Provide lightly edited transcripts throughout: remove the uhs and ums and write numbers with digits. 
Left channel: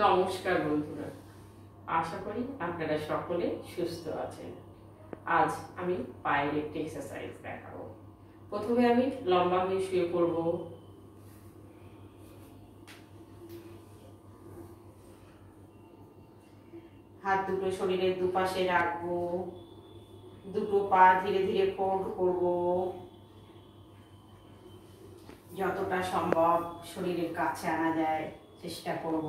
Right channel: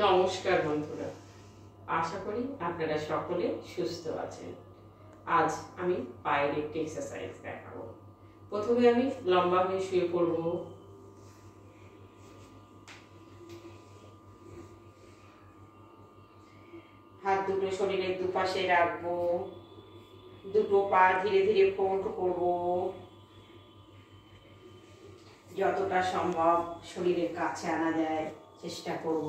নমস্কার বন্ধুরা, আশা করি আপনারা সকলে সুস্থ আছেন। আজ আমি পায়ের একটি এক্সারসাইজ দেখাবো। প্রথমে আমি লম্বা হয়ে শুয়ে পড়ব। হাত দুটো শরীরের দুপাশে রাখবো। দুটো পা ধীরে ধীরে ফোল্ড করব। যতটা সম্ভব শরীরের কাছে আনা যায় চেষ্টা করব।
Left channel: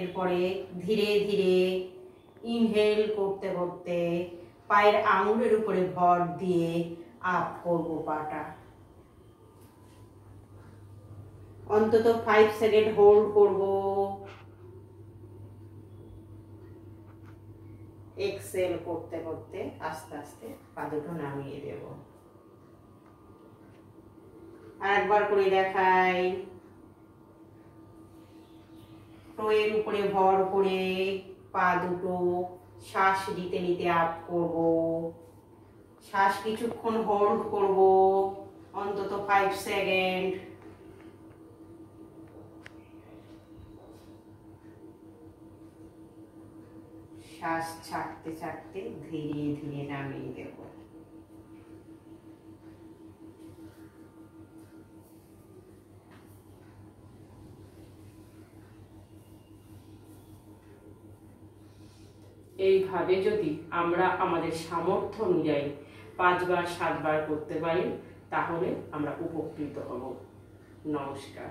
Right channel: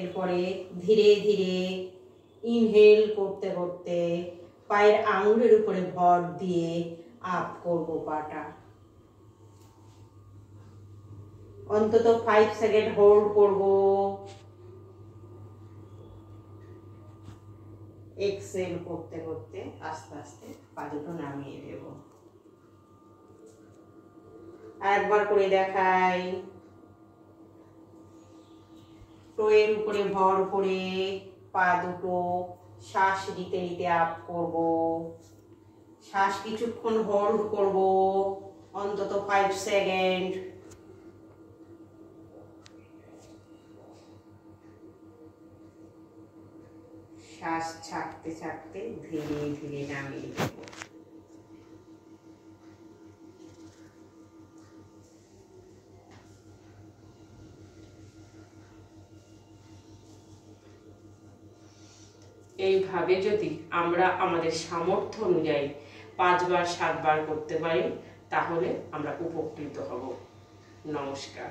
এরপরে ধীরে ধীরে ইনহেল করতে করতে পায়ের আঙুলের উপরে ভর দিয়ে আপ করব পাটা। অন্তত 5 সেকেন্ড হোল্ড করব। এক্সেল করতে করতে আস্তে আস্তে পা দুটো নামিয়ে দেব। আরেকবার করে দেখাই। টোয়ের উপরে ভর করে পা দুটো শ্বাস নিতে নিতে আপ করব। শ্বাস কিছুক্ষণ হোল্ড করব, অন্তত 5 সেকেন্ড। শ্বাস ছাড়তে ছাড়তে ধীরে ধীরে নামিয়ে দেব। এইভাবে যদি আমরা আমাদের সামর্থ্য অনুযায়ী 5 বার 7 বার করতে পারি তাহলে আমরা উপকৃত হব। নমস্কার।